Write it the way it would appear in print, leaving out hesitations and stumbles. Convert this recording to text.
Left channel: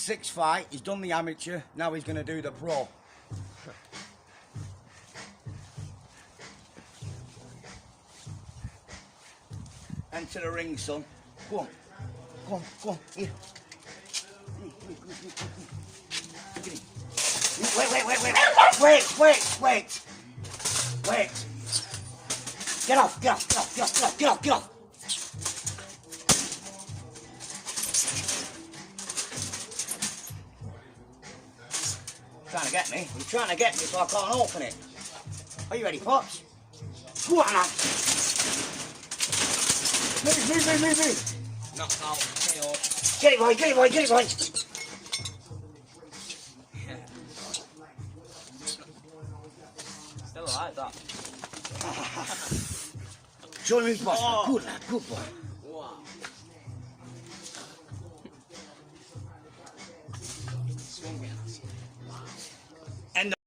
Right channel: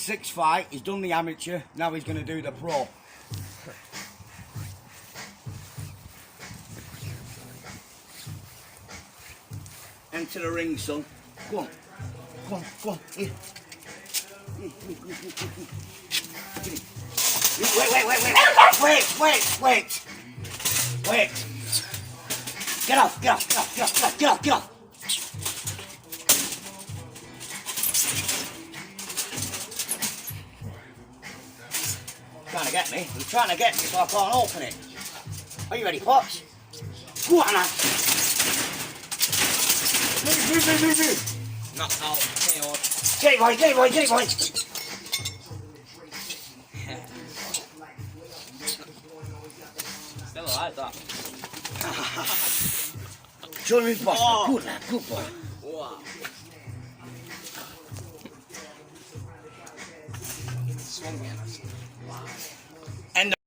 6 fight, he's done the amateur, now he's going to do the pro. Enter the ring, son. Go on. Go on, go on, here. Wait. Get off. Trying to get me. You're trying to get me so I can't open it. Are you ready, Pops? Go on now. Move. Knock out. KO. Get it, boy. Still alive, that. Show him his boss. Oh. Good boy. Wow. Swung me, and I said, wow.